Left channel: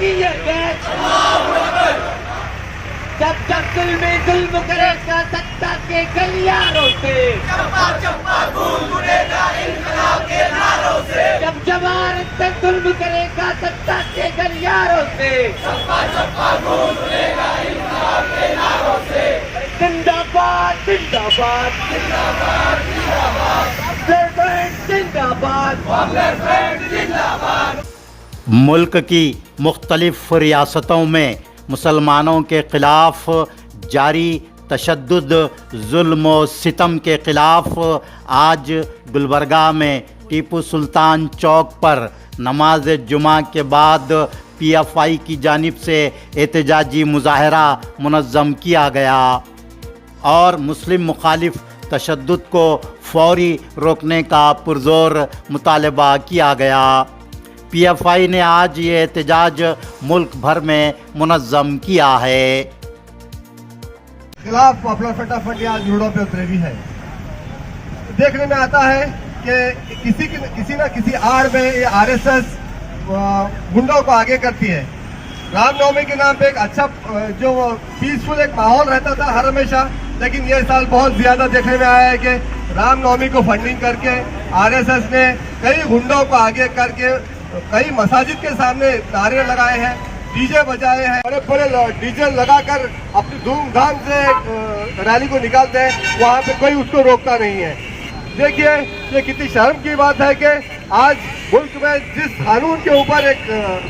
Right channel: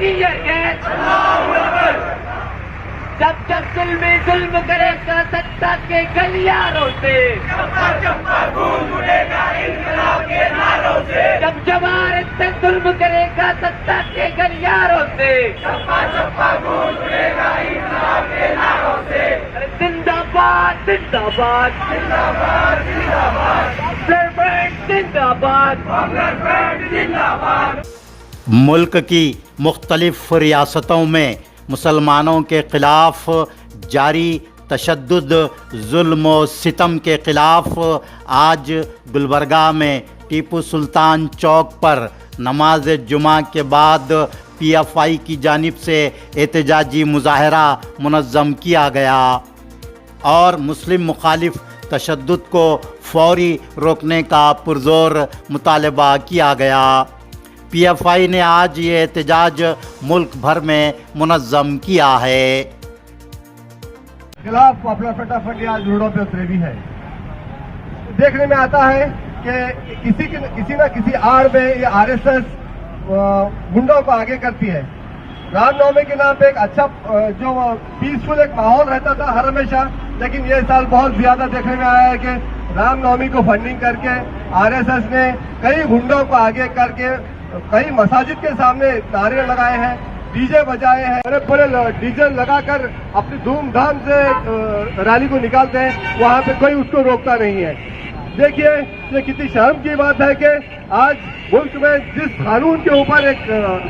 की ये गैस, जब जब जुल्मी जुल्म करेगा सत्ता के गलियारों से, खून उड़ेगा इंकलाब के नारों से, जब जवार तक जुल्म करेगा सत्ता के गलियारों से, खून उड़ेगा इंकलाब के नारों से। जिंदाबाद जिंदाबाद जिंदाबाद जिंदाबाद जिंदाबाद। मुल्क की मुख्तलिफ रियासतों में मुसलमानों के ख़िलाफ़ जारी तशद्दुद जुल्म व सितम के ख़िलाफ़ आज गुलबर्गा में टीपू सुल्तान चौक पर नमाज जुमा के बाद PFI की जानिब से एहतजाजी मुजाहरा मुनज़्ज़म किया गया और मुस्लिम मुखालिफ तशद्दुद को फौरी रोकने का पुरज़ोर मुतालबा किया गया। PFI ने आज ये एहतजाज मुल्क भर में मुनज़्ज़म किया है। खिलाफ अपना फटाफट आज रोडों पे उतरे भी है। देखने में आता है कि किसी न किसी आड़ में ये RSS गुंडों को आगे करती है। रामनवमी के नाम पे एक अच्छा जो पीसफुल एक माहौल रहता था हर हमेशा, लेकिन ये साल बहुत ज्यादा देखने में आया है कि रामनवमी को फंडिंग करके RSS ने कई गुंडों को आगे करके कई मसाजिद के सामने नारे लगाए हैं, डीजे बजाए हैं, बड़े बड़े डीजल लगाकर अपनी धूमधाम से रैली को निकालते हैं। वहाँ पे कोई उसको रोकता नहीं है। देखिए ये कितनी शर्म की बात है कि आज मुल्क में जिस कानून के ऊपर एक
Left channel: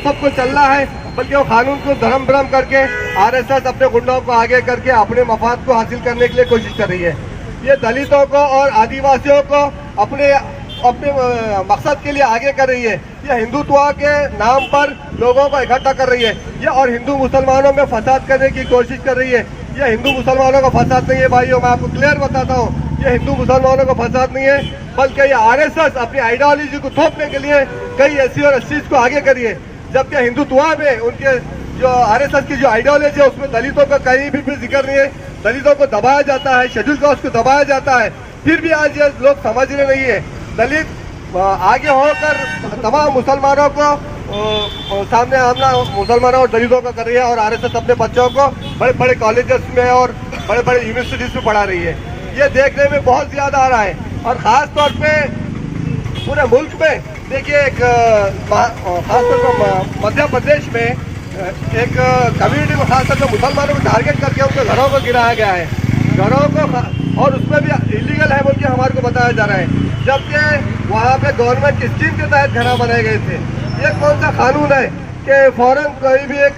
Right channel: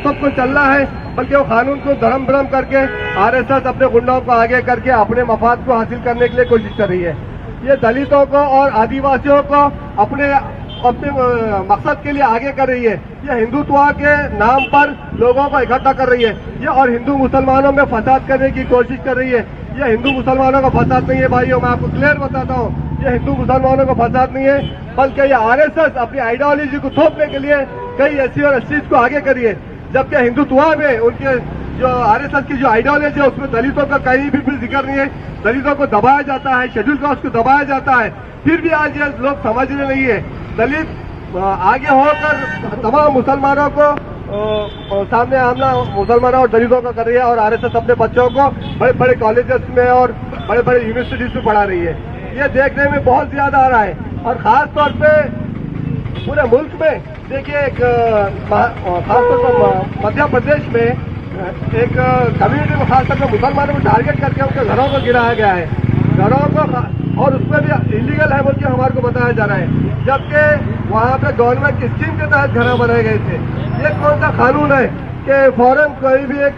सब कुछ चल रहा है, बल्कि वो कानून को धर्म भ्रम करके RSS अपने गुंडों को आगे करके अपने मफाद को हासिल करने के लिए कोशिश कर रही है। ये दलितों को और आदिवासियों को अपने मकसद के लिए आगे कर रही है। ये हिंदुत्व के नाम पर लोगों को इकट्ठा कर रही है ये, और हिंदू मुसलमानों में फसाद करने की कोशिश कर रही है। ये हिंदू मुसलमानों का फसाद नहीं है भाइयों, मैं आपको क्लियर बताता हूँ। ये हिंदू मुसलमानों का फसाद नहीं है, बल्कि ये RSS अपनी आइडियोलॉजी को थोपने के लिए कई SC और STs को आगे करी है। जबकि हिंदुत्व में उनके जो RSS की जो आइडियोलॉजी है उसमें दलितों का कहीं भी जिक्र नहीं है। दलितों को दबाया जाता है, शेड्यूल कास्ट को दबाया जाता है, फिर भी आज ये लोग समझ रहे नहीं है। दलित आगे होकर तमाम मुसलमानों को सामने आमना मुसलमानों और दलितों का कर रही है, और RSS अपने बच्चों को बड़े बड़े कॉलेजेस में और बड़े बड़े यूनिवर्सिटीज में पढ़ा रही है। ये देखने में बहुत ज्यादा आ रहा है, और खास तौर पे पूरे मुल्क में देखिए एक खासतौर पर मध्य प्रदेश में एक कम्युनिटी को खासतौर मुसलमानों को टारगेट करके उनके घरों को गिराया गया है, घरों को, और उसमें भी इलीगल है बोल के हमारे को बताया जा रहा है। जबकि वहाँ पे गवर्नमेंट की स्कीम के तहत घर बनाए गए थे। ये कौन सा कानून है कि फौरन कोई भी एक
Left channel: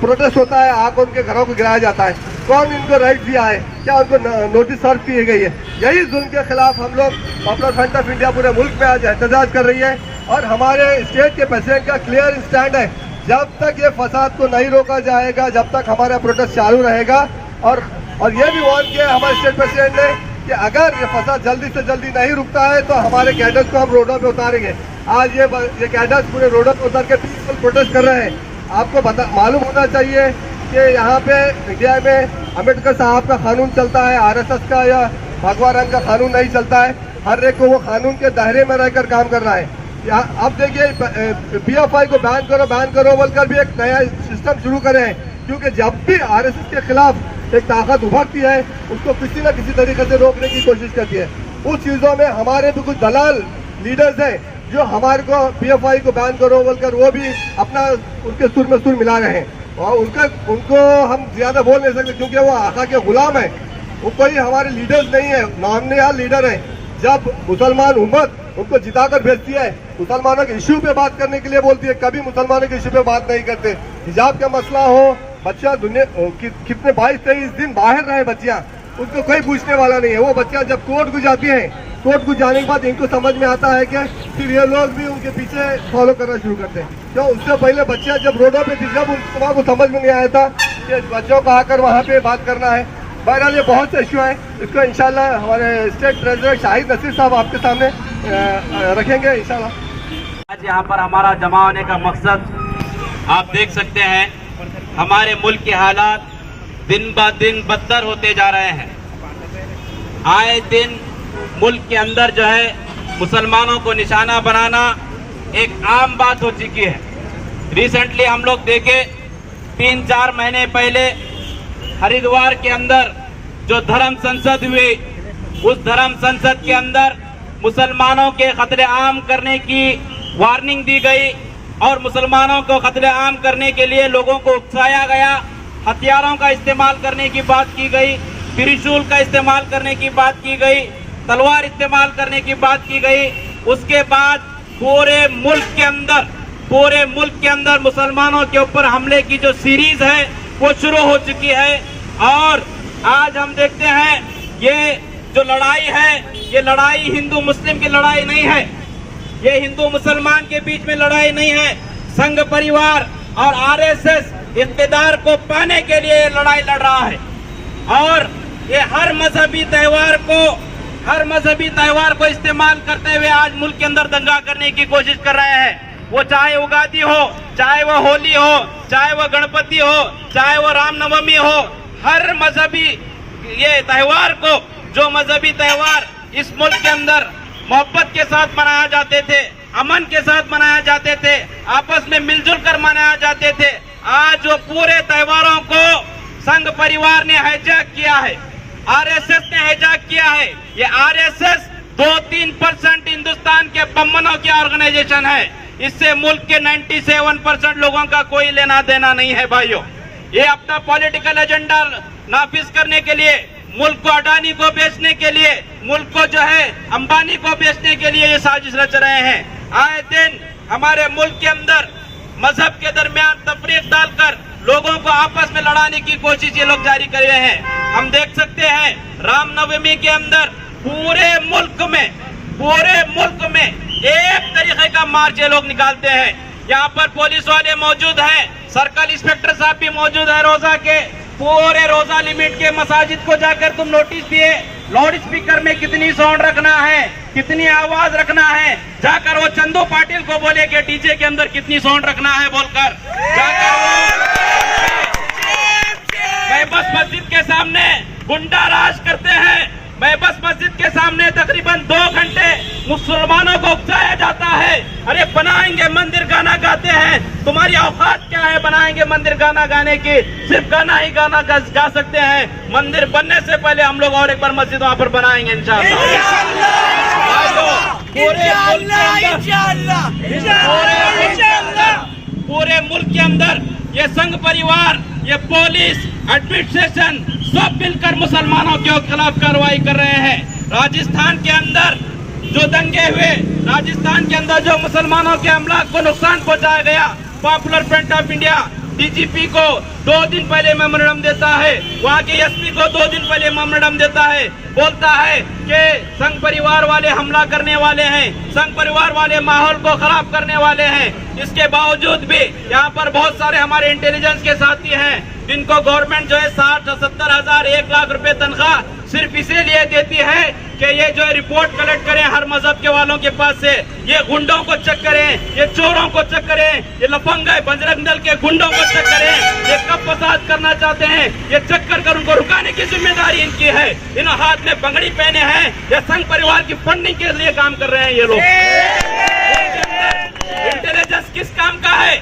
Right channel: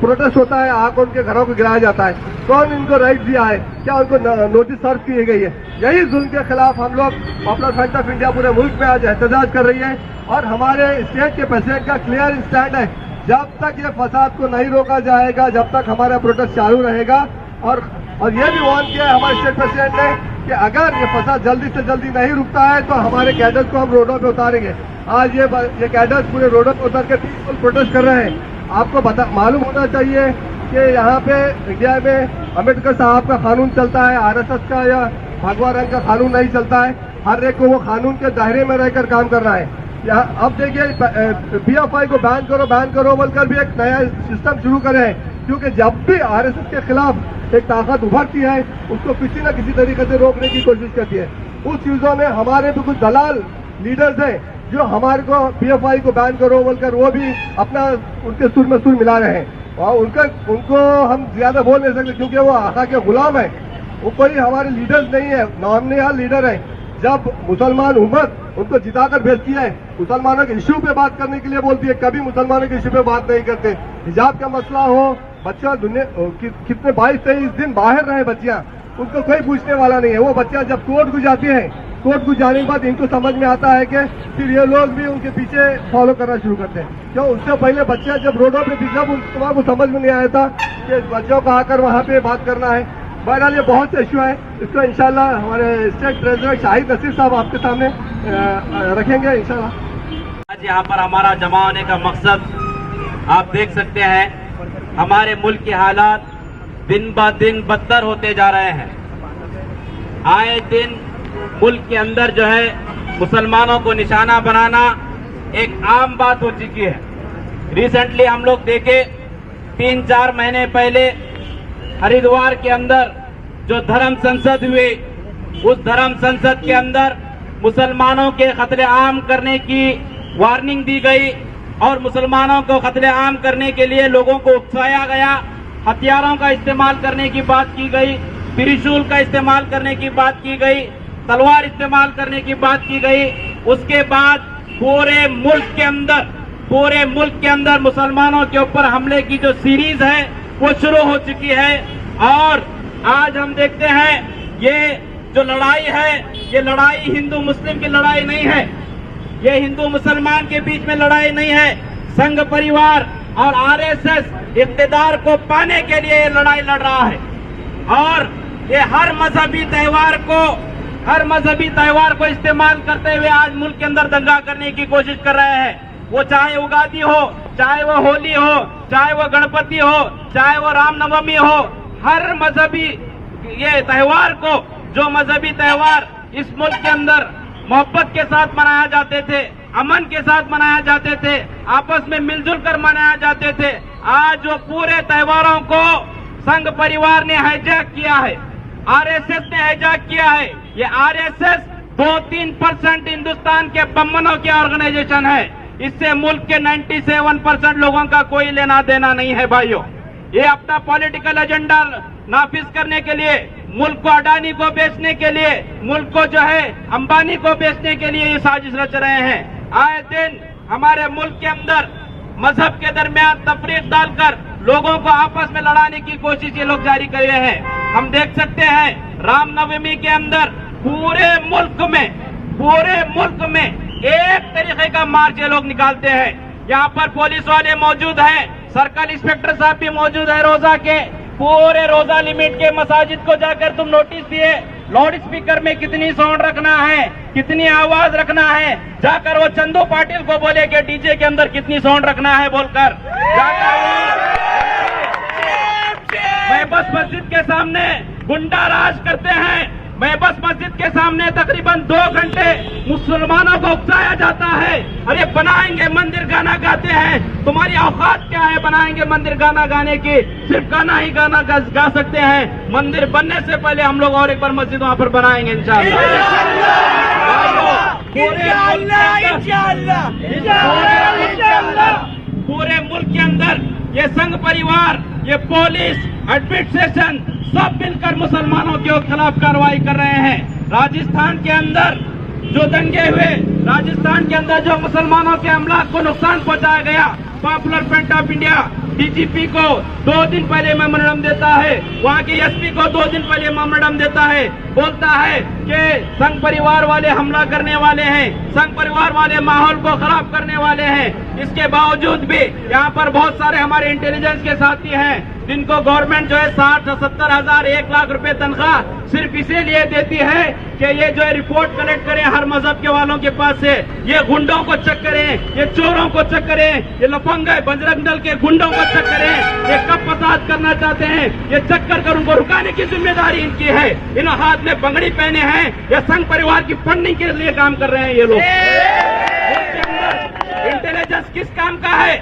प्रोटेस्ट होता है आकर उनके घरों को गिराया जाता है? कौन इनको राइट दिया है? क्या उनको नोटिस सर्व की गई है? यही जुल्म के खिलाफ हम लोग पॉपुलर फ्रंट ऑफ इंडिया पूरे मुल्क में आज एहतजाज कर रही है, और हमारे स्टेट के प्रेसिडेंट का क्लियर स्टैंड है, जब तक ये फसाद को नहीं रोका जाएगा, जब तक हमारा प्रोटेस्ट चालू रहेगा। और ये भी वार्न किया हमारे स्टेट प्रेसिडेंट ने कि अगर ये फसाद जल्दी से जल्दी नहीं रुकता है तो हमारे कैडर्स को हम रोडों पे उतारेंगे। आज ये कैडर्स पूरे रोडों पे उतर के पीसफुल प्रोटेस्ट कर रहे हैं। आपको मालूम होना चाहिए कि यहाँ पे इंडिया में अम्बेडकर साहब का कानून चलता है, RSS का या भगवा रंग का कानून नहीं चलता है। हर एक को वो कानून के दायरे में रहकर काम करना है। अब देखिए PFI को बैन करो बोलकर भी एक नया सिस्टम शुरू करे हैं, क्योंकि जब भी RSS के खिलाफ एक ताकत उभरती है उसको किसी न किसी तरीके से रोकने की कोशिश करती है। उस चीजों में हमारे भी कुछ दलाल लीडर्स हैं जो हमारे को PFI को बैन करो बोलकर वो भी अपना उनके सुर में सुर मिला रहे हैं, और उनको हम ज्यादा बोल नहीं सकते क्योंकि वो आका के गुलाम है। वो कोई हमारे लीडर्स नहीं है, नॉमिनेट लीडर है। जब मुसलमान उम्मत उनको जिताकर भेजती है, मुसलमानों के इश्यू पे बात करने के लिए बोलती है, कभी मुसलमानों के इश्यू पे बात नहीं करते। हिजाब का मसला हो, बच्चा दुनिया कितने 22-23 दिन बाहर रहे बच्चियां, उनको कोई पूछने वाला नहीं है। वो बच्चियां जब कोर्ट को जाती हैं, कोर्ट को जाने के बाद इनको समझ में आता है कि फिर ये लोग भी उनके पीछे फॉलो करना शुरू करते हैं। तो उससे पहले बच्चियां जब रोडों पे थी, जब उनको समझ में नहीं आया था कि बच्चों को आकर वहाँ पे बात करना है। बहरहाल ये बहुत से इश्यू है, इसको इंशाल्लाह हमारे स्टेट प्रेसिडेंट शाहिद नसीर साहब आपके सामने रखेंगे इंशाल्लाह। आज यहाँ पर हमारा जमा होने का मकसद आप देख सकते हैं, हमारे मुल्क के हालात दिन ब दिन बदतर होते जा रहे हैं। आए दिन मुल्क के अंदर जो है मुसलमानों को निशाना बनाना एक आम बात हो चुकी है। रिसेंटली हम लोग देखे 3-4 महीने पहले हरिद्वार के अंदर जो धर्म संसद हुई, उस धर्म संसद के अंदर मुसलमानों के कत्लेआम करने की वार्निंग दी गई और मुसलमानों को कत्लेआम करने के लिए लोगों को उकसाया गया। हथियारों का इस्तेमाल करने की बात की गई, त्रिशूल का इस्तेमाल करने की बात की गई, तलवार इस्तेमाल करने की बात की गई। उसके बाद पूरे मुल्क के अंदर मुसलमानों के ऊपर हमले की जो सीरीज है वो शुरू हो चुकी है। और आज हम देखते हैं ये जो लड़ाई है, ये लड़ाई हिंदू मुस्लिम की लड़ाई नहीं है, ये हिंदू मुसलमान के बीच में लड़ाई नहीं है। संघ परिवार और आरएसएस इख्तिदार को पाने के लिए ये लड़ाई लड़ रहा है और ये हर मजहबी त्योहार को इस्तेमाल करते हुए आज मुल्क के अंदर दंगा करने की कोशिश कर रहे हैं। वो चाहे उगादी हो, चाहे वो होली हो, चाहे वो गणपति हो, चाहे वो रामनवमी हो, हर मजहबी ये त्योहार को, जो मजहबी त्योहार इस मुल्क के अंदर मोहब्बत के साथ मनाया जाते थे, अमन के साथ मनाया जाते थे, आपस में मिलजुल कर मनाया जाते थे, आज वो पूरे त्योहारों को संघ परिवार ने हाईजैक किया है, आरएसएस ने हाईजैक किया है। ये आरएसएस 2-3% हिंदुस्तान के बमनों के ऑर्गेनाइजेशन है, इससे मुल्क के 97% लोगों का कोई लेना देना नहीं है भाइयों। ये अपना पॉलिटिकल एजेंडा नाफिज करने के लिए, मुल्क को अडानी को बेचने के लिए, मुल्क को जो है अंबानी को बेचने के लिए ये साजिश रच रहे हैं। आए दिन हमारे मुल्क के अंदर मजहब के दरमियान तफरीक डालकर लोगों को आपस में लड़ाने की कोशिश ये लोग जारी कर रहे हैं। हम देख सकते हैं रामनवमी के अंदर पूरे मुल्क में एक तरीके का मार्च ये लोग निकालते हैं। यहाँ पर पुलिस वाले मौजूद हैं, सर्कल इंस्पेक्टर साहब भी मौजूद है रोजा के, पूरे रोजा लिमिट के मसाजिद को जाकर तुम नोटिस दिए, लाउड स्पीकर में कितनी साउंड रखना है, कितनी आवाज रखना है, जाकर वो चंदू पाटिल को बोले कि डीजे के अंदर कितनी साउंड रखना है बोलकर जाकर बस मस्जिद के सामने गुंडा राज करते हैं। बस मस्जिद के सामने तकरीबन 2 घंटे मुसलमानों को उकसाया जाता है, अरे बनाएंगे मंदिर, गाना गाते हैं, तुम्हारी औकात क्या है बनाएंगे मंदिर गाना गाने की, सिर्फ गाना ही गाना गा सकते हैं। मंदिर बनने से पहले हम लोग और एक बार मस्जिद वहाँ पर बनाएंगे पूरे मुल्क के अंदर ये संघ परिवार, ये पुलिस, एडमिनिस्ट्रेशन सब मिलकर मुसलमानों के खिलाफ कार्रवाई कर रहे हैं। राजस्थान के अंदर जो दंगे हुए, राजस्थान के अंदर जो मुसलमानों के अमलाक को नुकसान पहुंचाया गया, popular front of India DGP को 2 दिन पहले मेमोरेंडम देता है, वहाँ के एसपी को 2 दिन पहले मेमोरेंडम देता है, बोलता है कि संघ परिवार वाले हमला करने वाले हैं, संघ परिवार वाले माहौल को खराब करने वाले हैं। इसके बावजूद भी यहाँ पर बहुत सारे हमारे इंटेलिजेंस के साथी हैं जिनको गवर्नमेंट जो है 60-70 हजार 1 लाख रुपए तनख्वाह सिर्फ इसीलिए देती है कि ये जो है रिपोर्ट कलेक्ट करें हर मजहब के वालों के पास से, ये गुंडों को चेक करें, ये चोरों को चेक करें, ये लफंग बजरंग दल के गुंडों को चेक करें, ये कब फसाद करना चाहते हैं, ये चेक कर उनको रुकाने की जिम्मेदारी इनकी है। इन हाथ में पगड़ी पहने हैं, ये संघ परिवार की फंडिंग के लिए काम कर रहे हैं ये लोग। इंटेलिजेंस किस काम का है?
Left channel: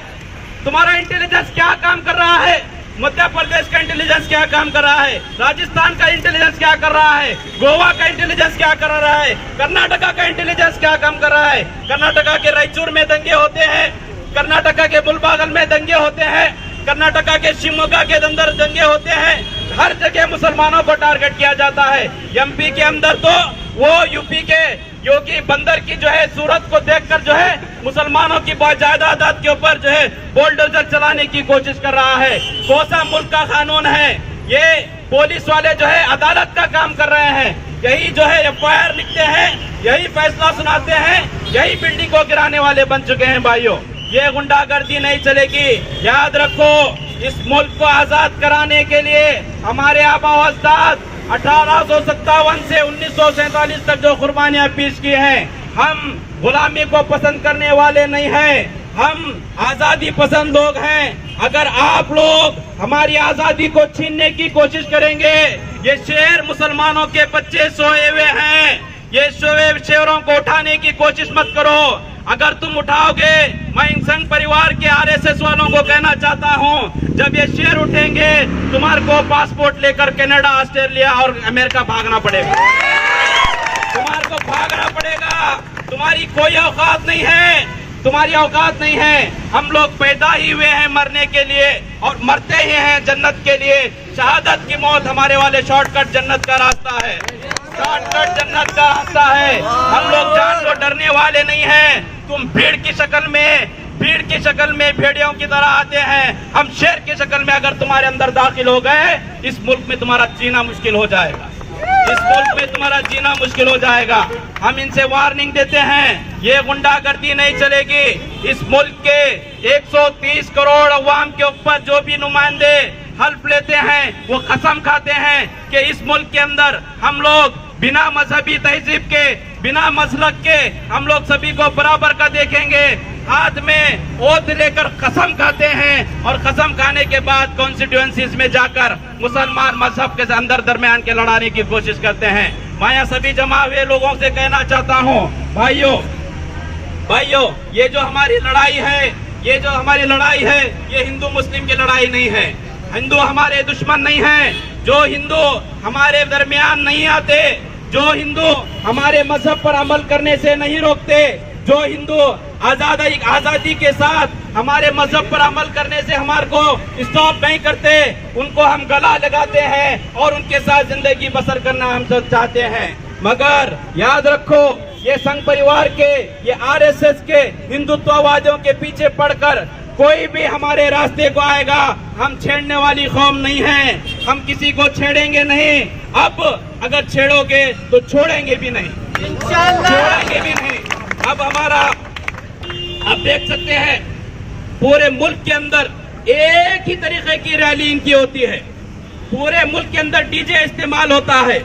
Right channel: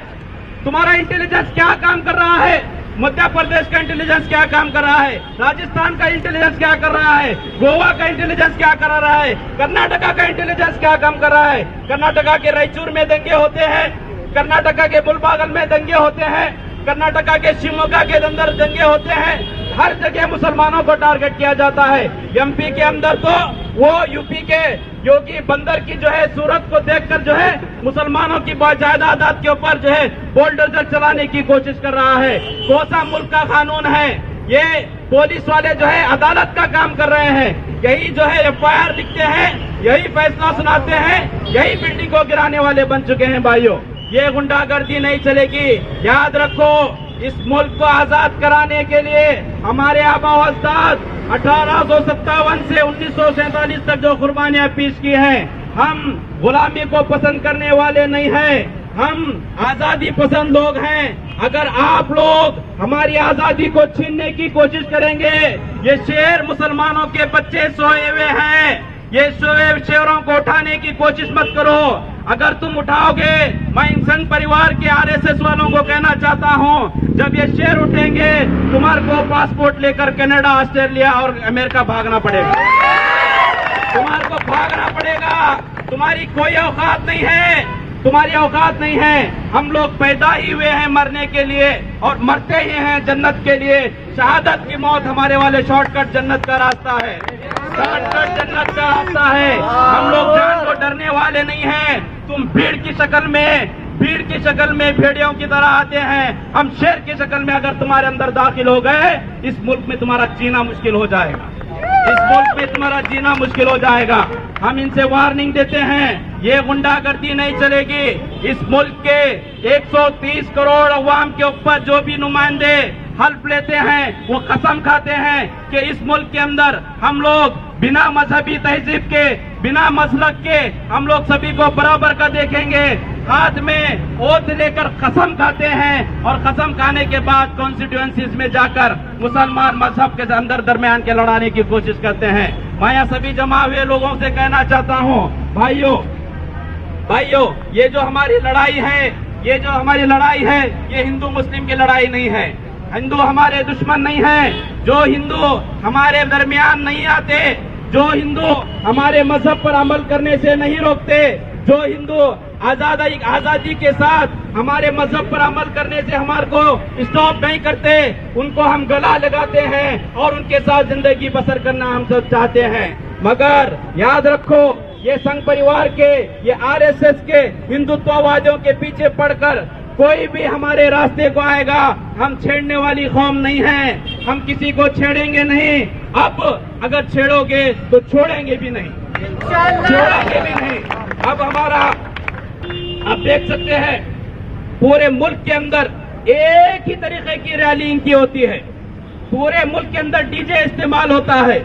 तुम्हारा इंटेलिजेंस क्या काम कर रहा है? मध्य प्रदेश का इंटेलिजेंस क्या काम कर रहा है? राजस्थान का इंटेलिजेंस क्या कर रहा है? गोवा का इंटेलिजेंस क्या कर रहा है? कर्नाटका का इंटेलिजेंस क्या काम कर रहा है? कर्नाटका के रायचूर में दंगे होते हैं, कर्नाटका के मुलबागल में दंगे होते हैं, कर्नाटका के शिवमोगा के अंदर दंगे होते हैं, हर जगह मुसलमानों को टारगेट किया जाता है। एमपी के अंदर तो वो यूपी के योगी बंदर की जो है सूरत को देखकर जो है मुसलमानों की जायदाद के ऊपर जो है बुलडोजर चलाने की कोशिश कर रहा है। कौन सा मुल्क का कानून है? ये पुलिस वाले जो है अदालत का काम कर रहे हैं, यही जो है एफआईआर लिखते हैं, यही फैसला सुनाते हैं, यही बिल्डिंग को गिराने वाले बन चुके हैं भाइयों। ये गुंडागर्दी नहीं चलेगी। याद रखो, इस मुल्क को आजाद कराने के लिए हमारे आबा अजदाद 1857 से 1947 तक जो कुर्बानियां पेश की हैं, हम गुलामी को पसंद करने वाले नहीं हैं, हम आजादी पसंद लोग हैं। अगर आप लोग हमारी आजादी को छीनने की कोशिश करेंगे, ये शेर मुसलमानों के बच्चे सोए हुए हैं, ये सोए शेरों को उठाने की कोशिश मत करो। अगर तुम उठाओगे, मैं इन संघ परिवार के आरएसएस वालों को कहना चाहता हूं, जब ये शेयर उठेंगे तुम्हारे को पासपोर्ट लेकर कनाडा, ऑस्ट्रेलिया और अमेरिका भागना पड़ेगा। तुम्हारे को भागना पड़ेगा। तुम्हारी कोई औकात नहीं है, तुम्हारी औकात नहीं है। हम लोग पैदा ही हुए हैं मरने के लिए और मरते ही हैं जन्नत के लिए। शहादत की मौत हमारे वाले शॉर्टकट जन्नत का रास्ता है, शॉर्टकट जन्नत का रास्ता है। हम लोग जान को डरने वाले नहीं हैं। तुम भीड़ की शक्ल में भेड़ियों की तरह आते हैं, हम शेर की शक्ल में अगर तुम्हारे अंदर दाखिल हो गए, इस मुल्क में तुम्हारा जीना मुश्किल हो जाएगा। इस मुल्क में तुम्हारा जीना मुश्किल हो जाएगा। हम इनसे वार्निंग देते हैं, ये गुंडागर्दी नहीं चलेगी। इस मुल्क के 130 करोड़ अवाम के ऊपर जो भी नुमाइंदे हल्फ लेते हैं, वो कसम खाते हैं कि इस मुल्क के अंदर हम लोग बिना मजहबी तहजीब के, बिना मसलक के, हम लोग सभी को बराबर का देखेंगे। हाथ में ओथ लेकर कसम खाते हैं और कसम खाने के बाद कॉन्स्टिट्यूएंसीज में जाकर मुसलमान मजहब के अंदर दरमियान के लड़ाने की कोशिश करते हैं। मैं यहाँ सभी जमा हुए लोगों से कहना चाहता हूँ, भाइयों, ये जो हमारी लड़ाई है, ये हिंदू मुस्लिम की लड़ाई नहीं है। हिंदू हमारे दुश्मन नहीं है। जो हिंदू हमारे दरमियान नहीं आते, जो हिंदू हमारे मजहब पर अमल करने से नहीं रोकते, जो हिंदू आजादी के साथ हमारे मजहब पर अमल करने से हमारे को स्टॉप नहीं करते, उनको हम गला लगाते हैं और उनके साथ जिंदगी बसर करना हम सब चाहते हैं। मगर याद रखो, ये संघ परिवार के, ये आरएसएस के हिंदुत्ववादियों के पीछे पड़कर कोई भी हमारे रास्ते को आएगा, हम छेड़ने वाली कौम नहीं है। हम किसी को छेड़ेंगे नहीं। अब अगर छेड़ोगे तो छोड़ेंगे भी नहीं, छोड़ेंगे भी नहीं। अब हमारा, आप देख सकते हैं पूरे मुल्क के अंदर एक ही तरीके की रैली इनकी होती है। पूरे मुल्क के अंदर डीजे इस्तेमाल होता है।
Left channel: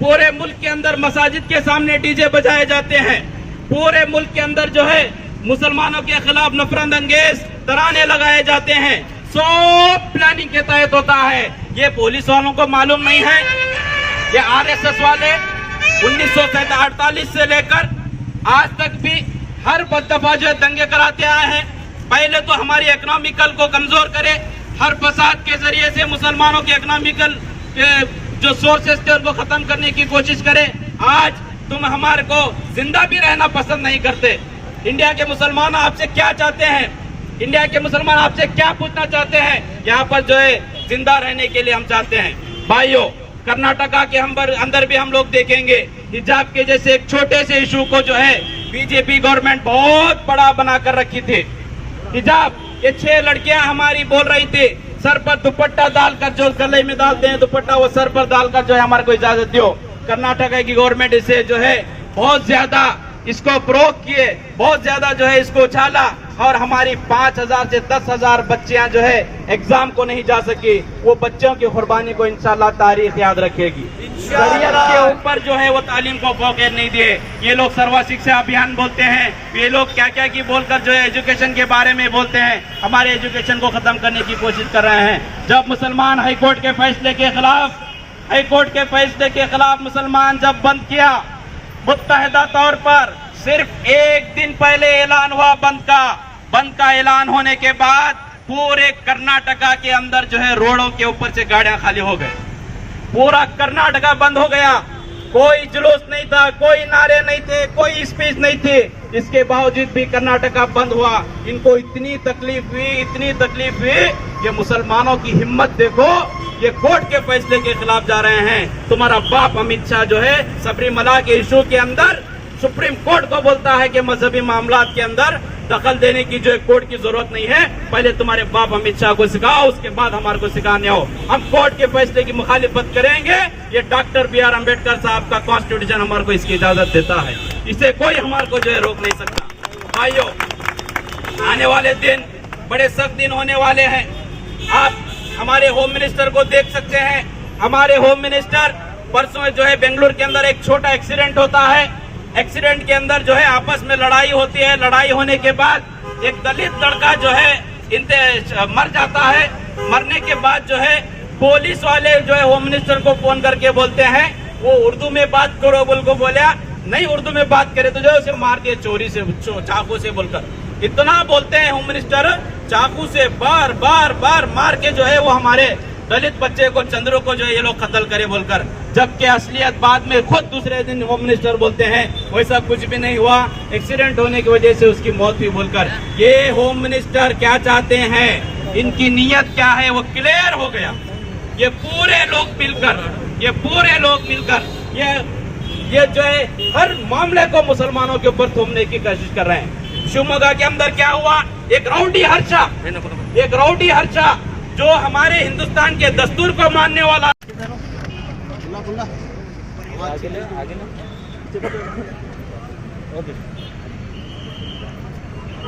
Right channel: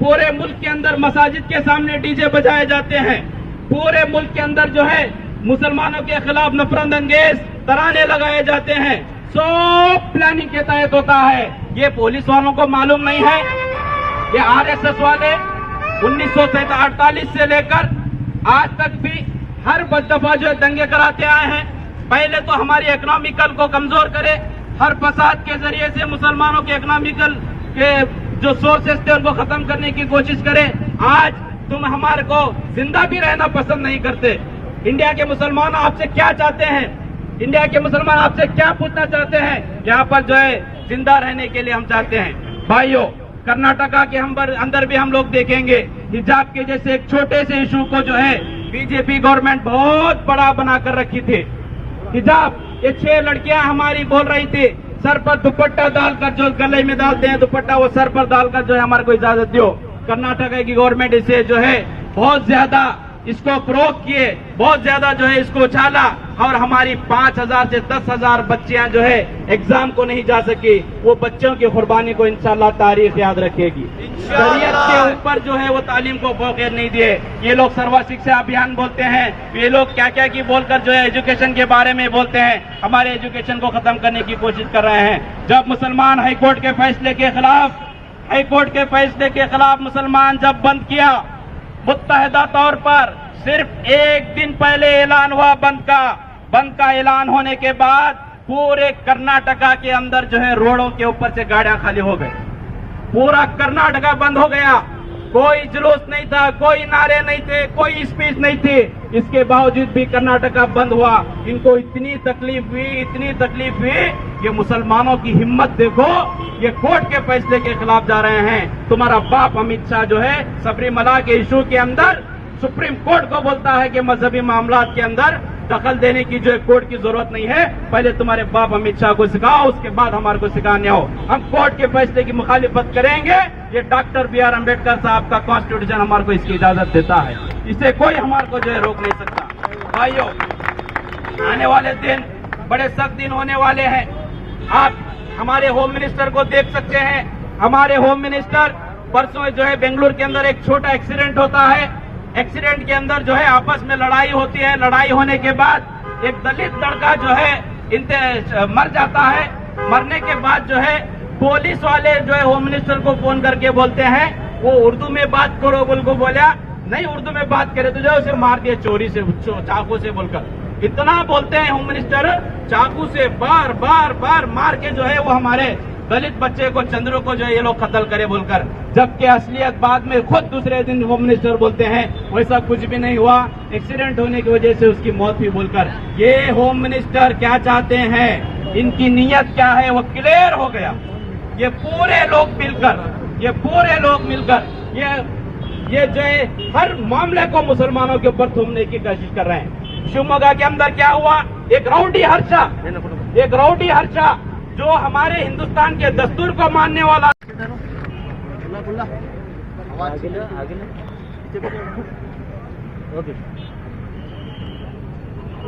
पूरे मुल्क के अंदर मसाजिद के सामने डीजे बजाए जाते हैं। पूरे मुल्क के अंदर जो है मुसलमानों के खिलाफ नफरत अंगेज तराने लगाए जाते हैं। सब प्लानिंग के तहत होता है। ये पुलिस वालों को मालूम नहीं है। ये आरएसएस वाले 1948 से लेकर आज तक भी हर दफा जो दंगे कराते आए हैं। पहले तो हमारी इकोनॉमिकल को कमजोर करे, हर फसाद के जरिए से मुसलमानों के इकोनॉमिकल के जो सोर्सेस थे उनको खत्म करने की कोशिश करे। आज तुम हमारे को जिंदा भी रहना पसंद नहीं करते। इंडिया के मुसलमान आपसे क्या चाहते हैं? इंडिया के मुसलमान आपसे क्या पूछना चाहते हैं? यहाँ पर जो है जिंदा रहने के लिए हम चाहते हैं। भाइयों, कर्नाटका के अंदर भी हम लोग देखेंगे हिजाब के जैसे एक छोटे से इशू को जो है बीजेपी गवर्नमेंट बहुत बड़ा बनाकर रखी थी। हिजाब, ये 6 लड़कियां हमारी बोल रही थी सर पर दुपट्टा डालकर, जो गले में डालते हैं दुपट्टा, वो सर पर डालकर जो है हमारे को इजाजत दो। कर्नाटका की गवर्नमेंट इसे जो है बहुत ज्यादा इसको प्रोक किए, बहुत ज्यादा जो है इसको उछाला और हमारी 5000 से 10,000 बच्चियां जो है एग्जाम को नहीं जा सकी। वो बच्चों की कुर्बानी को इंशाल्लाह तारीख याद रखेगी। शरीयत के ऊपर जो है वो तालीम को फोकस नहीं दिए। ये लोग सर्व शिक्षा अभियान बोलते हैं, ये लोग क्या क्या की बोलकर जो है एजुकेशन के बारे में बोलते हैं, हमारे एजुकेशन को खत्म करने की कोशिश कर रहे हैं। जब मुसलमान हाईकोर्ट के फैसले के खिलाफ मुसलमान जब बंद किया, मुत्तहिदा तौर पर सिर्फ एक दिन पहले ऐलान हुआ बंद का ऐलान होने के बाद पूरे कर्नाटका के अंदर जो है रोडों के ऊपर से गाड़ियां खाली हो गई। पूरा कर्नाटका बंद हो गया। कोई जुलूस नहीं था, कोई नारे नहीं थे, कोई स्पीच नहीं थी। इसके बावजूद भी कर्नाटका बंद हुआ। इनको इतनी तकलीफ हुई। ये मुसलमानों की हिम्मत देखो, ये कोर्ट के फैसले के खिलाफ जा रहे हैं। तुम्हारा बाप अमित शाह जो है सबरीमला के इशू के अंदर सुप्रीम कोर्ट को बोलता है कि मजहबी मामलात के अंदर दखल देने की जो कोर्ट की जरूरत नहीं है। पहले तुम्हारे बाप अमित शाह को सिखाओ, उसके बाद हमारे को सिखाने हो। हम कोर्ट के फैसले की मुखालिफत करेंगे। ये डॉक्टर बी आर अम्बेडकर साहब का कॉन्स्टिट्यूशन हमारे को इसकी इजाजत देता है। इसे कोई हमारे को जो है रोक नहीं सकता। भाइयों, आने वाले दिन बड़े सख्त दिन होने वाले हैं। आप हमारे होम मिनिस्टर को देख सकते हैं। हमारे होम मिनिस्टर परसों जो है बेंगलुरु के अंदर एक छोटा एक्सीडेंट होता है। एक्सीडेंट के अंदर जो है आपस में लड़ाई होती है। लड़ाई होने के बाद एक दलित लड़का जो है मर जाता है। मरने के बाद जो है पुलिस वाले जो है होम मिनिस्टर को फोन करके बोलते हैं, वो उर्दू में बात करो बोल को बोला, नहीं उर्दू में बात करे तो जो है उसे मार दिया चोरी से, चाकू से बोलकर। इतना बोलते हैं होम मिनिस्टर, चाकू से बार बार बार मार के जो है वो हमारे दलित बच्चे को, चंद्र को जो है ये लोग कत्ल करे बोलकर, जबकि असलियत बाद में खुद दूसरे दिन होम मिनिस्टर बोलते हैं वैसा कुछ भी नहीं हुआ, एक्सीडेंट होने की वजह से उसकी मौत हुई बोलकर। ये होम मिनिस्टर क्या चाहते हैं, इनकी नीयत क्या है वो क्लियर हो गया। ये पूरे लोग मिलकर ये जो है हर मामले को मुसलमानों के ऊपर थोपने की कोशिश कर रहे हैं। शिवमोगा के अंदर क्या हुआ, एक राउडी हर्षा जो हमारे हिंदुस्तान के दस्तूर को मानने वाला,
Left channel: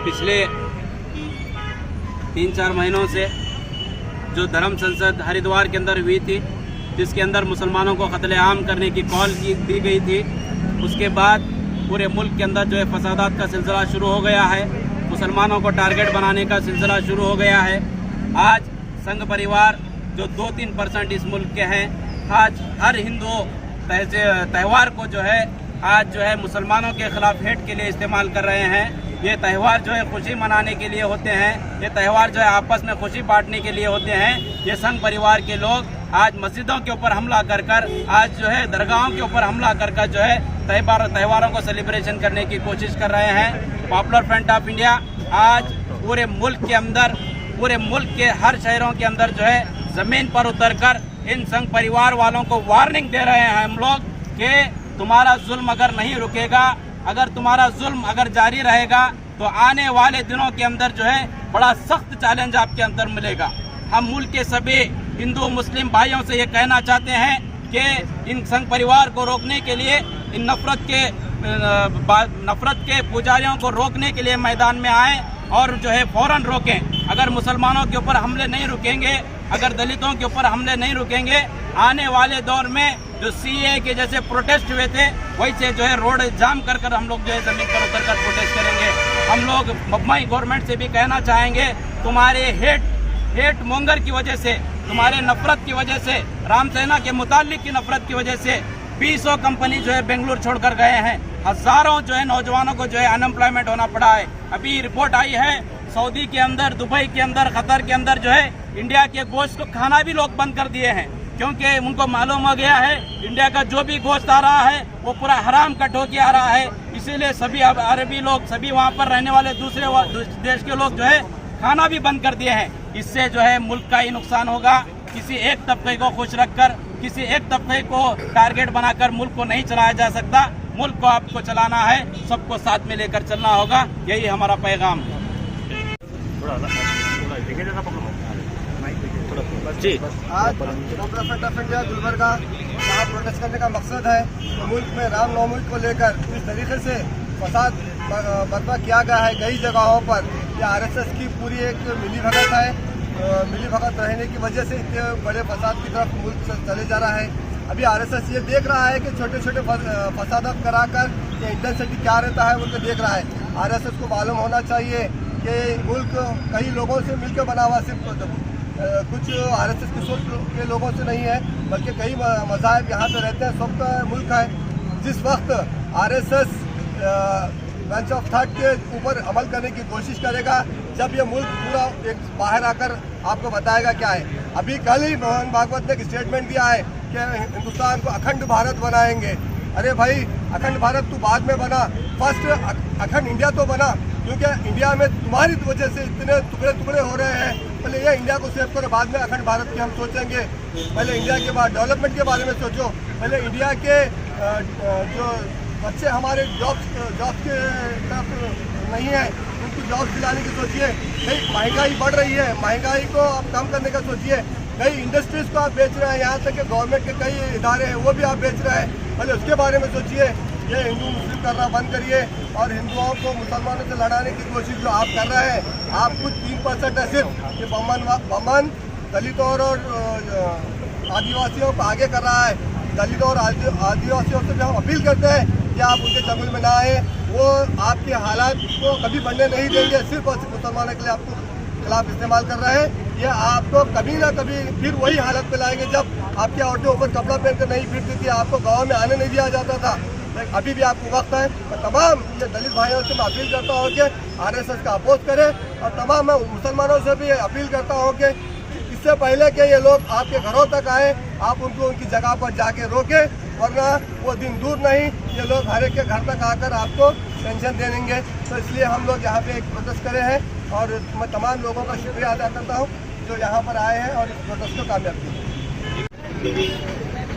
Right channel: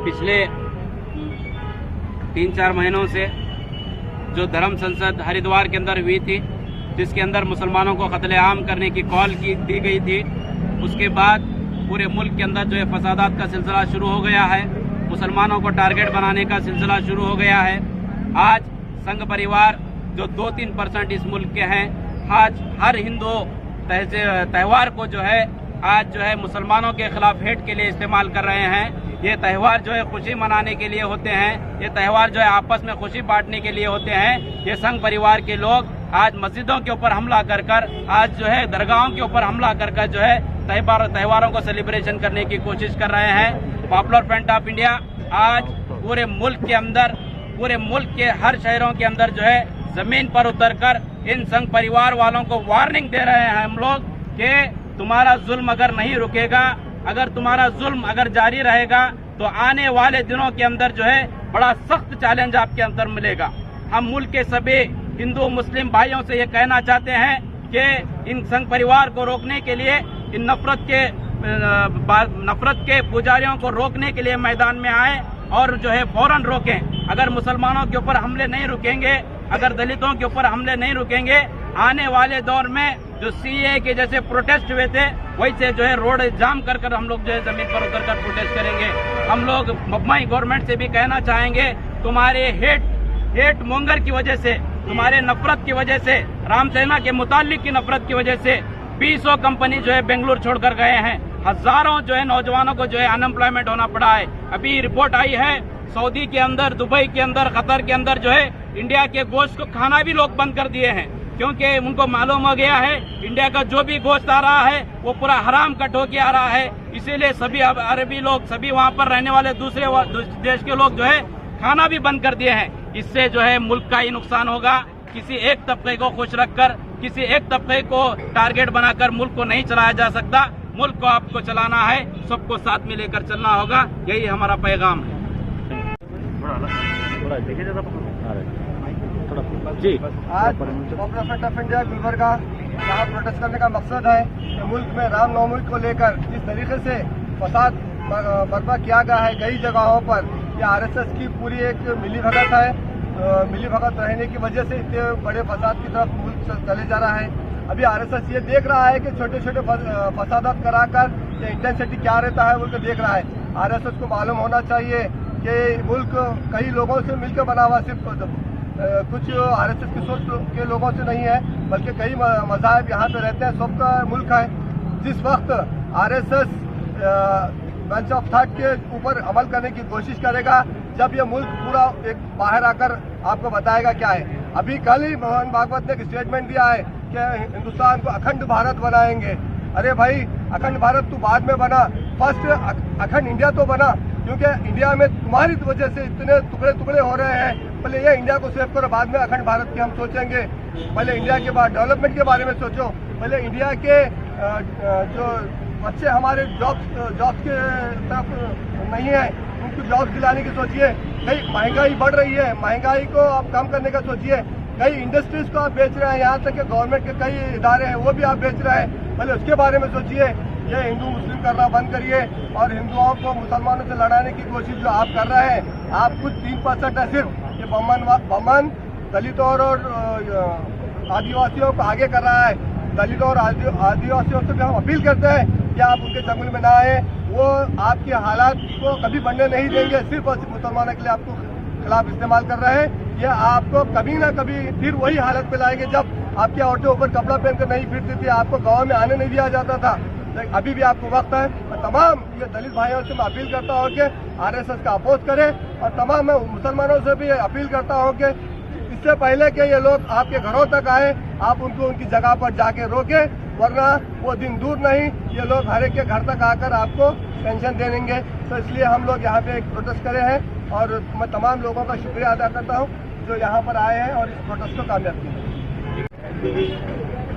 पिछले 3-4 महीनों से जो धर्म संसद हरिद्वार के अंदर हुई थी, जिसके अंदर मुसलमानों को कत्लेआम करने की कॉल दी गई थी, उसके बाद पूरे मुल्क के अंदर जो है फसादात का सिलसिला शुरू हो गया है, मुसलमानों को टारगेट बनाने का सिलसिला शुरू हो गया है। आज संघ परिवार जो 2-3% इस मुल्क के हैं, आज हर हिंदू त्यौहार को जो है आज जो है मुसलमानों के खिलाफ हेट के लिए इस्तेमाल कर रहे हैं। ये त्यौहार जो है खुशी मनाने के लिए होते हैं, ये त्यौहार जो है आपस में खुशी बांटने के लिए होते हैं। ये संघ परिवार के लोग आज मस्जिदों के ऊपर हमला कर आज जो है दरगाहों के ऊपर हमला कर जो है त्यौहारों को सेलिब्रेशन करने की कोशिश कर रहे हैं। पॉपुलर फ्रंट ऑफ इंडिया आज पूरे मुल्क के हर शहरों के अंदर जो है जमीन पर उतरकर इन संघ परिवार वालों को वार्निंग दे रहे हैं हम लोग कि तुम्हारा जुल्म अगर नहीं रुकेगा, अगर तुम्हारा जुल्म अगर जारी रहेगा तो आने वाले दिनों के अंदर जो है बड़ा सख्त चैलेंज आपके अंदर मिलेगा। हम मुल्क के सभी हिंदू मुस्लिम भाइयों से ये कहना चाहते हैं कि इन संघ परिवार को रोकने के लिए, इन नफरत के पुजारियों को रोकने के लिए मैदान में आए और जो है फौरन रोकें। अगर मुसलमानों के ऊपर हमले नहीं रुकेंगे, अगर दलितों के ऊपर हमले नहीं रुकेंगे, आने वाले दौर में जो सीए के जैसे प्रोटेस्ट हुए थे वैसे जो है रोड जाम कर हम लोग जो है जमीन पर उतरकर प्रोटेस्ट करेंगे। हम लोग मुंबई गवर्नमेंट से भी कहना चाहेंगे, तुम्हारे हेट मोंगर की वजह से, तुम्हारे नफरत की वजह से, रामसेना के मुतालिक की नफरत की वजह से 20 कंपनी जो है बेंगलुरु छोड़कर गए हैं। हजारों जो है नौजवानों को जो है अनएम्प्लॉयमेंट होना पड़ा है। अभी रिपोर्ट आई है सऊदी के अंदर, दुबई के अंदर, कतर के अंदर जो है इंडिया के गोश्त को खाना भी लोग बंद कर दिए हैं, क्योंकि उनको मालूम हो गया है इंडिया का जो भी गोश्त आ रहा है वो पूरा हराम कट होके आ रहा है। इसीलिए सभी अरबी लोग, सभी वहाँ पर रहने वाले दूसरे देश के लोग जो है खाना भी बंद कर दिए हैं। इससे जो है मुल्क का ही नुकसान होगा। किसी एक तबके को खुश रखकर, किसी एक तबके को टारगेट बनाकर मुल्क को नहीं चलाया जा सकता। मुल्क को आपको चलाना है, सबको साथ में लेकर चलना होगा, यही हमारा पैगाम है। जी आज popular front of India Gulbarga यहाँ प्रोटेस्ट करने का मकसद है कि मुल्क में रामनवमी को लेकर जिस तरीके से फसाद बर्पा किया गया है कई जगहों पर, ये आरएसएस की पूरी एक मिलीभगत है। मिलीभगत रहने की वजह से इतने बड़े फसाद की तरफ मुल्क चले जा रहा है। अभी आरएसएस ये देख रहा है कि छोटे छोटे फसादात कराकर ये इंटेंसिटी क्या रहता है वो तो देख रहा है। आरएसएस को मालूम होना चाहिए कि मुल्क कई लोगों से मिलकर बना हुआ, सिर्फ कुछ आरएसएस की सोच के लोगों से नहीं है, बल्कि कई मज़ाहब यहाँ पे रहते हैं, सबका मुल्क है। जिस वक्त आरएसएस बेंच ऑफ थॉट के ऊपर अमल करने की कोशिश करेगा, जब ये मुल्क पूरा एक बाहर आकर आपको बताएगा क्या है। अभी कल ही मोहन भागवत ने एक स्टेटमेंट दिया है कि हिंदुस्तान को अखंड भारत बनाएंगे। अरे भाई, अखंड भारत तू बाद में बना, फर्स्ट अखंड इंडिया तो बना, क्योंकि इंडिया में तुम्हारी वजह से इतने टुकड़े टुकड़े हो रहे हैं। पहले ये इंडिया को सेव करो, बाद में अखंड भारत की हम सोचेंगे। पहले इंडिया के बाद डेवलपमेंट के बारे में सोचो। पहले इंडिया के जो बच्चे हमारे जॉब्स के तरफ नहीं है, उनको जॉब्स दिलाने की सोचिए। कई महंगाई बढ़ रही है, महंगाई को आप कम करने का सोचिए। कई इंडस्ट्रीज को आप बेच रहे हैं, यहाँ तक कि गवर्नमेंट के कई इदारे हैं वो भी आप बेच रहे हैं। पहले उसके बारे में सोचिए। ये हिंदू मुस्लिम करना बंद करिए और हिंदुओं को मुसलमानों से लड़ाने की कोशिश जो आप कर रहे हैं, आप कुछ 3% है सिर्फ, ये बमन दलितों और आदिवासियों को आगे कर रहा है। दलितों और आदिवासियों से भी हम अपील करते हैं कि आप उनके जंगल में ना आए। वो आपके हालात को कभी बढ़ने नहीं देंगे, सिर्फ और सिर्फ मुसलमानों के लिए आपको खिलाफ इस्तेमाल कर रहे हैं। ये आपको कभी ना कभी फिर वही हालत पे लाएंगे जब आपकी औरतें ऊपर कपड़ा पहनकर नहीं फिरती थी, आपको गाँव में आने नहीं दिया जाता था। लेकिन अभी भी आपको वक्त है। मैं तमाम ये दलित भाइयों से मैं अपील करता हूँ कि RSS का अपोज करें, और तमाम मैं मुसलमानों से भी अपील करता हूँ कि इससे पहले कि ये लोग आपके घरों तक आए, आप उनको उनकी जगह पर जाके रोकें, वरना वो दिन दूर नहीं, ये लोग हर एक के घर तक आकर आपको पेंशन दे देंगे। तो इसलिए हम लोग यहाँ पे एक प्रोटेस्ट करे हैं, और मैं तमाम लोगों का शुक्रिया अदा करता हूँ जो यहाँ पर आए हैं और इस प्रोटेस्ट को कामयाब किया।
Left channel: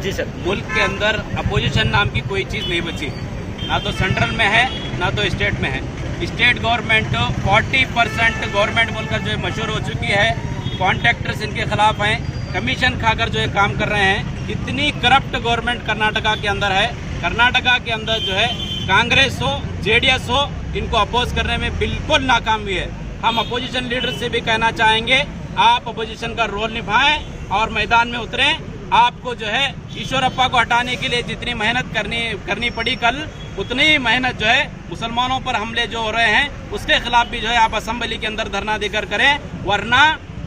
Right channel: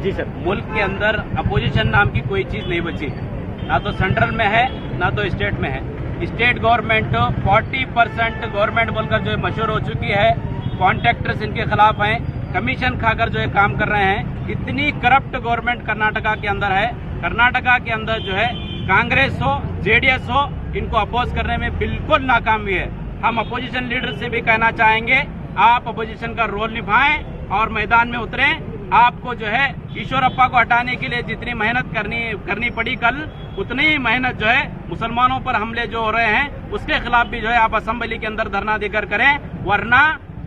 जी सर, मुल्क के अंदर अपोजिशन नाम की कोई चीज़ नहीं बची है, ना तो सेंट्रल में है ना तो स्टेट में है। स्टेट गवर्नमेंट 40% गवर्नमेंट बोलकर जो मशहूर हो चुकी है, कॉन्ट्रैक्टर्स इनके खिलाफ हैं, कमीशन खाकर जो है काम कर रहे हैं। इतनी करप्ट गवर्नमेंट कर्नाटका के अंदर है। कर्नाटका के अंदर जो है कांग्रेस हो JDS हो, इनको अपोज करने में बिल्कुल नाकाम हुई है। हम अपोजिशन लीडर से भी कहना चाहेंगे, आप अपोजिशन का रोल निभाएं और मैदान में उतरें। आपको जो है ईश्वरप्पा को हटाने के लिए जितनी मेहनत करनी पड़ी कल, उतनी ही मेहनत जो है मुसलमानों पर हमले जो हो रहे हैं उसके खिलाफ भी जो है आप असेंबली के अंदर धरना देकर करें, वरना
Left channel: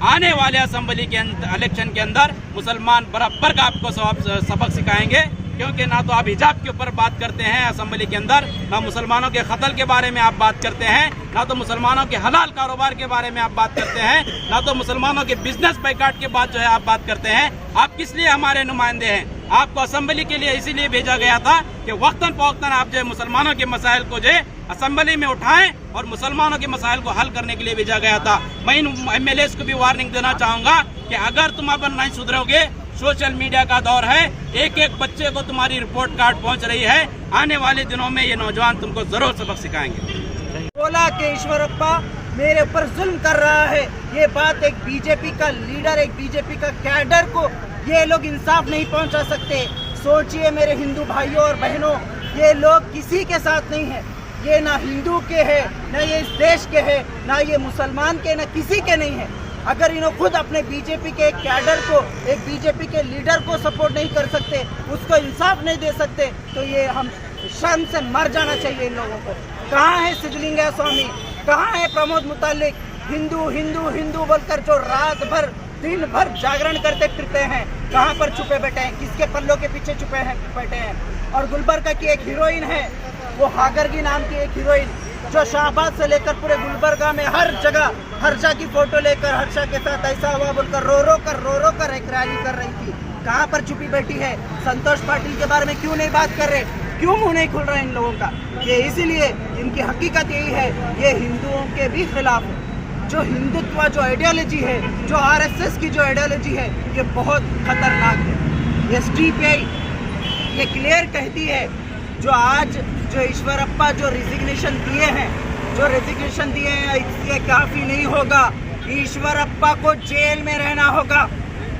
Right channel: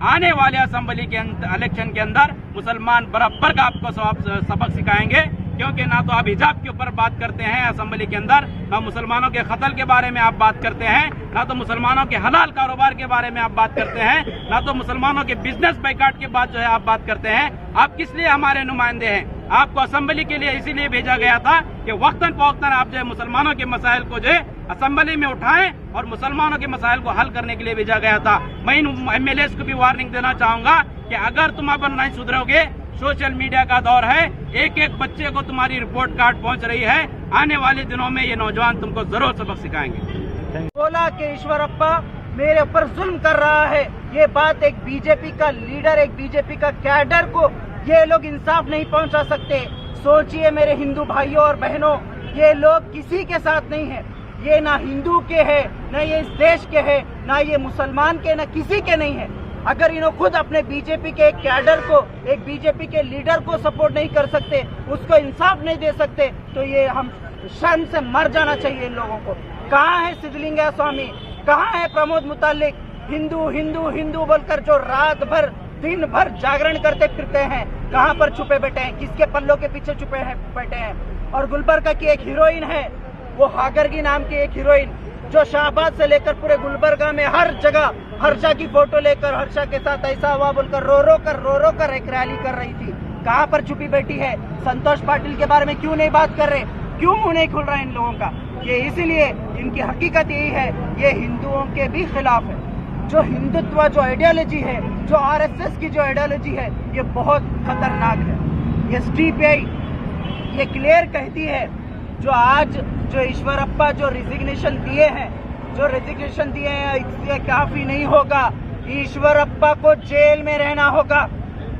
आने वाले असेंबली के इलेक्शन के अंदर मुसलमान बराबर का आपको सबक सिखाएंगे। क्योंकि ना तो आप हिजाब के ऊपर बात करते हैं असेंबली के अंदर, ना मुसलमानों के कत्ल के बारे में आप बात करते हैं, ना तो मुसलमानों के हलाल कारोबार के बारे में आप बात करते हैं, ना तो मुसलमानों के बिजनेस बाइकाट के बाद जो है आप बात करते हैं। आप किस लिए हमारे नुमाइंदे हैं? आपको असेंबली के लिए इसीलिए भेजा गया था कि वक्तन फवक्तन आप जो है मुसलमानों के मसाइल को जो है असेंबली में उठाएं, और मुसलमानों के मसाइल को हल करने के लिए भेजा गया था। मैं इन MLAs को भी वार्निंग देना चाहूंगा कि अगर तुम अब नहीं सुधरोगे, सोशल मीडिया का दौर है, एक एक बच्चे को तुम्हारी रिपोर्ट कार्ड पहुंच रही है, आने वाले दिनों में ये नौजवान तुमको जरूर सबक सिखाएंगे। बोला कि ईश्वरप्पा मेरे ऊपर जुल्म कर रहा है, ये बात एक बीजेपी का लीडर, एक बीजेपी का कैडर को ये लोग इंसाफ नहीं पहुंचा सकते। सोचिए मेरे हिंदू भाइयों और बहनों, ये लोग किसी के साथ नहीं है, ये ना हिंदू के है, ना ये इस देश के है, ना ये मुसलमान के, ना किसी के नहीं है। अगर इन्होंने खुद अपने बीजेपी के एक कैडर को, एक बीजेपी के लीडर को सपोर्ट नहीं कर सकते, उसको इंसाफ नहीं दे सकते, तो ये हम शर्म से मर जाना चाहिए इन लोगों को। कहाँ है सिद्धलिंगा स्वामी, कहाँ है प्रमोद मुतालिक? हिंदू हिंदू हिंदू बोलकर जो रात भर दिन भर जागरण करते फिरते हैं, कहाँ पर छुपे बैठे हैं, किसके पल्लों के पीछे छुपे हैं बैठे हैं? और गुलबर्गा की एक हीरोइन है, वो हागरगी नाम की एक हीरोइन, जो शाहबाद से लेकर पूरे गुलबर्गा में हर जगह हर्षा की फोटो लेकर हर्षा के साथ ऐसा हुआ बोलकर रो रो कर एक रैली कर रही थी। कहाँ पर छुपी बैठी है? संतोष पाटिल के बारे में क्यों नहीं बात कर रहे? क्यों मुंह नहीं खुल रहा इन लोगों का? ये इसीलिए इनकी हकीकत यही है, ये हिंदुओं के भी खिलाफ है। जो हिंदुत्व जो आइडियोलॉजी है, जो RSS की जो आइडियोलॉजी है, ये बहुत खतरनाक है। SDPI ये क्लियर कहती है, जो आज जो ईश्वरप्पा जो रिजिग्नेशन दिए हैं, इससे काफ़ी नहीं होगा। ईश्वरप्पा को जेल में रहना होगा।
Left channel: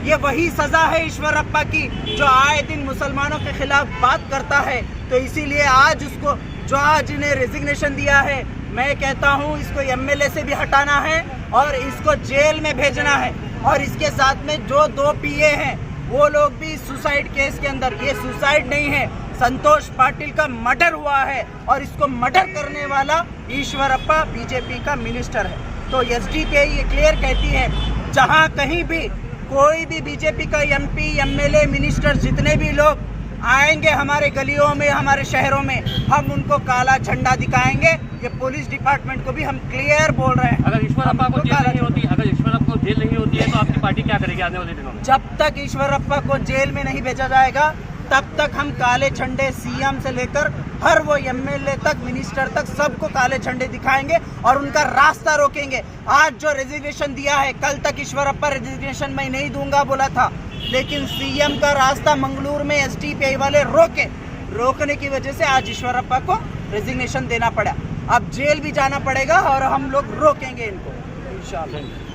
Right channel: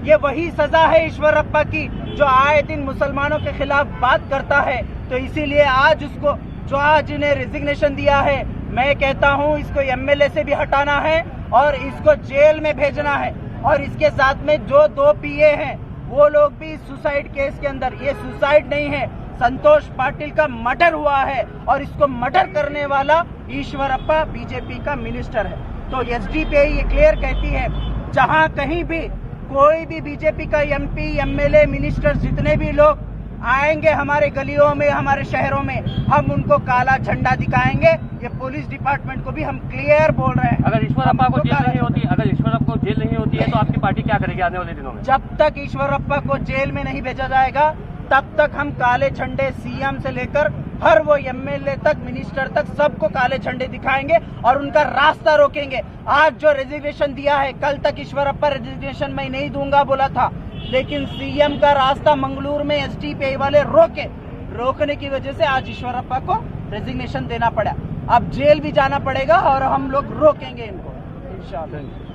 ये वही सज़ा है ईश्वरप्पा की जो आए दिन मुसलमानों के खिलाफ बात करता है। तो इसीलिए आज उसको जो आज इन्हें रिजिग्नेशन दिया है, मैं कहता हूँ इसको MLA से भी हटाना है और इसको जेल में भेजना है। और इसके साथ में जो 2 PA हैं वो लोग भी सुसाइड केस के अंदर, ये सुसाइड नहीं है, संतोष पाटिल का मर्डर हुआ है और इसको मर्डर करने वाला ईश्वरप्पा बीजेपी का मिनिस्टर है। तो SDPI ये क्लियर कहती है, जहाँ कहीं भी कोई भी बीजेपी का MP, MLA, मिनिस्टर जितने भी लोग आएंगे हमारे गलियों में, हमारे शहरों में, हम उनको काला झंडा दिखाएंगे। ये पुलिस डिपार्टमेंट को भी हम क्लियर बोल रहे हैं। अगर ईश्वरप्पा को जेल नहीं होती, तो आपकी पार्टी क्या करेगी आने वाले दिनों में? जब तक ईश्वरप्पा को जेल में नहीं भेजा जाएगा, तब तक हम काले झंडे CM से लेकर हर वो MLA तक, मिनिस्टर तक, सबको काले झंडे दिखाएंगे और उनका रास्ता रोकेंगे। आज जो रेजिग्नेशन दिया है, कल तक ईश्वरप्पा रेजिग्नेशन मैं नहीं दूंगा बोला था, लेकिन CM का रास्ता मंगलूर में SDPI वाले रोकने की वजह से आज ईश्वरप्पा को रेजिग्नेशन देना पड़ा। अब जेल भी जाना पड़ेगा और हम लोग रोकेंगे इनको इंशाअल्लाह।